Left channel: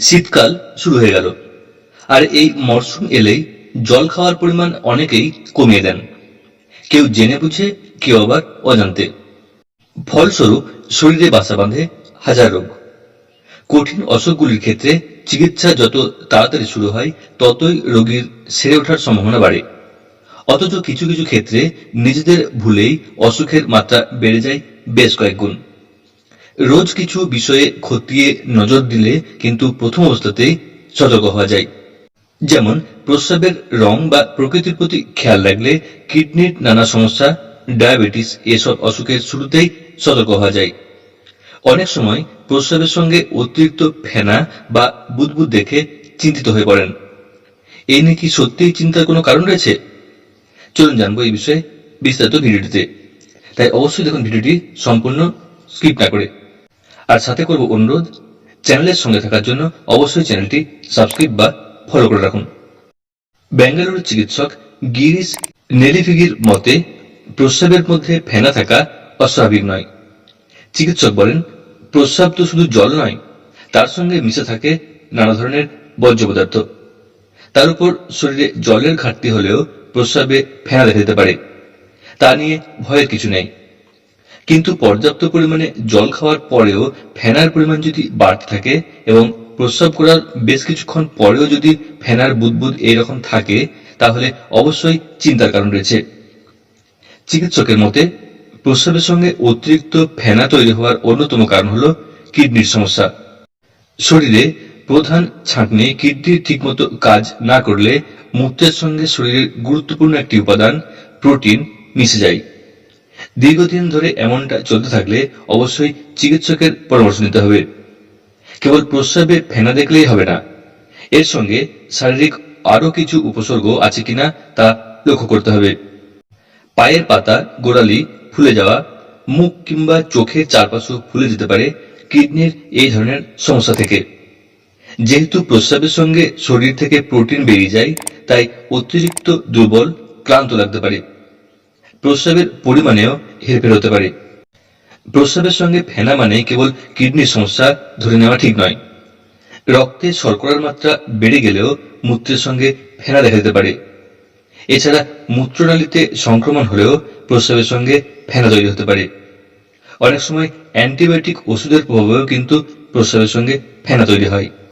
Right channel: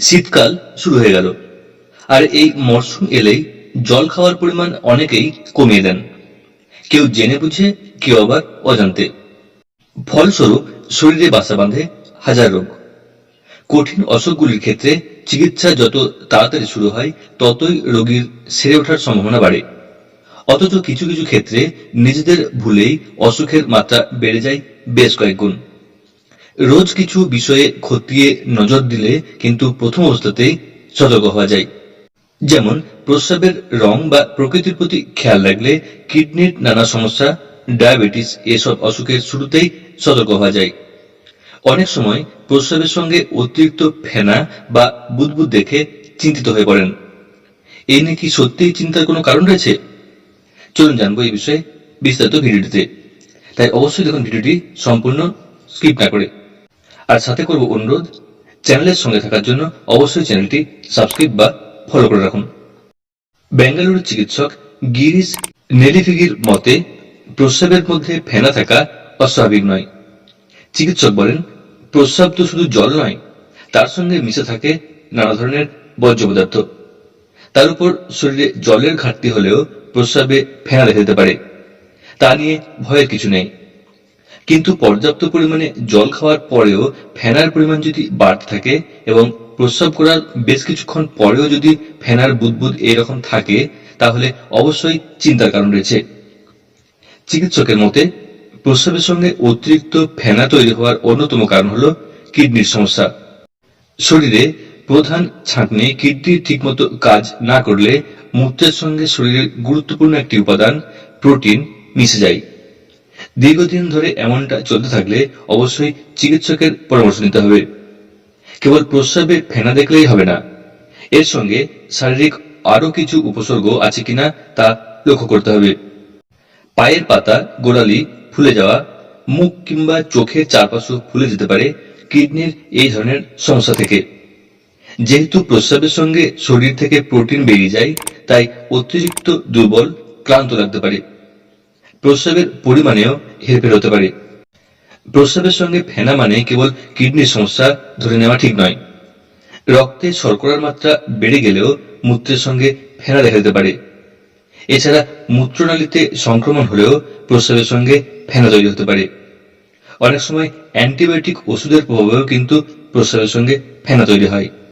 শীতকাল শুরু হয়ে গেল, আর এই মরশুম এলেই জল খাওয়ার পরিমাণ অনেকেই কমিয়ে দেন, কেউ জেনে বুঝে, কেউ আবার অজান্তে। ফলস্বরূপ শরীরে বাসা বাঁধে হাজার রোগ। কঠিন অসুখগুলির ক্ষেত্রে চিকিৎসা যত তাড়াতাড়ি শুরু হয়, ততই রোগীর সেরে ওঠার সম্ভাবনা বাড়ে। অথচ কিছু কিছু ক্ষেত্রে নিজেদের ভুলেই অসুখের মাত্রা বেড়ে যায় বেশ কয়েক গুণ। রোজ কিছু বিষয়ে খতিয়ে নজর দিলে কিন্তু প্রথম অবস্থাতেই সতর্ক হওয়া যায়। যেমন প্রস্রাবের রং বা প্রকৃতির প্রতি খেয়াল রাখলে কিডনির নানা সমস্যা, ডায়াবেটিস এসব অসুখের শুরুতেই সতর্ক হওয়া যায়। অনেক সময় প্রস্রাবের সঙ্গে অতিরিক্ত ফেনা বা বুদবুদ দেখে চিন্তিত হয়ে পড়েন। এই নিয়ে কি সত্যিই চিন্তার কোনো কারণ রয়েছে? চলুন জানবো এই বিষয়ে বিস্তারিত ভিডিওটিতে। তাই অবশ্যই দেখুন ভিডিওটি সম্পূর্ণ স্কিপ না করে। আর সাথে করব অনুরোধ, চ্যানেলের সঙ্গে থাকার জন্য অবশ্যই চ্যানেলটি সাবস্ক্রাইব বা ফলো করে রাখুন। বেঙ্গালুরুর চিকিৎসক গিরিশ নেলিফিগির মতে প্রস্রাবের মধ্যে ফেনা থাকা অস্বাভাবিক নয়। চিকিৎসক বলেন, প্রস্রাব তো শুধু জল নয়, তার সঙ্গে মিশে থাকে নানা ধরনের বর্জ্য পদার্থ। তার উপর শরীরে জলের ঘাটতি হলেও প্রস্রাবে ফেনা দেখা দিতে পারে, তা নিয়ে ভয়ের কিছু নেই। কিন্তু পর্যাপ্ত পরিমাণে জল খাওয়ার পরেও ফেনার পরিমাণ যদি বাড়তে থাকে এবং প্রস্রাব করার বেশ কিছুক্ষণ পরেও যদি ফেনার বুদবুদ এইরকম থাকে, তাহলে অবশ্যই চিন্তার কারণ রয়েছে। চিকিৎসকের মতে প্রস্রাবের সঙ্গে অতিরিক্ত ফেনা তৈরি হওয়ার অন্যতম কারণ হল কিডনির সমস্যা। শরীরে প্রধান ছাঁকনি কিডনি ঠিকমতো কাজ না করলে মূত্রের সঙ্গে শরীরের গুরুত্বপূর্ণ একটি উপাদান প্রোটিন মিশে যায়। দীর্ঘদিন ধরে এমনটা চলতে থাকলে অবশ্যই চিকিৎসকের পরামর্শ নিতে হবে। কেবল প্রস্রাবে ফেনা দেখলেই হবে না, এর সঙ্গে শারীরিক আরো কিছু উপসর্গ আছে কিনা তা লক্ষ্য করতে হবে। পায়ের পাতা, গোড়ালি ফুলে যাওয়া, মুখ কিংবা চোখের চারপাশও ফুলে যেতে পারে কিডনির এই ধরনের সমস্যা থেকে। যেহেতু প্রস্রাবের সঙ্গে শরীর থেকে প্রোটিন বেরিয়ে যায়, তাই অতিরিক্ত দুর্বল, ক্লান্ত লাগতে পারে। প্রস্রাবের পরিমাণেও হেরফের হতে পারে। প্রস্রাবের সঙ্গে ফেনা মানে কেবল কিডনির সমস্যা ধরে নেওয়া ঠিক নয়। রক্তে শর্করার মাত্রা বেড়ে গেলেও মূত্রের সঙ্গে ফেনা দেখা দিতে পারে। এছাড়া মূত্রনালীতে সংক্রমণ হলেও প্রস্রাবের সঙ্গে ফেনা তৈরি হতে পারে। অনেক সময় অ্যান্টিবায়োটিক ওষুধের প্রভাবেও কিন্তু প্রস্রাবের সঙ্গে ফেনা তৈরি হয়।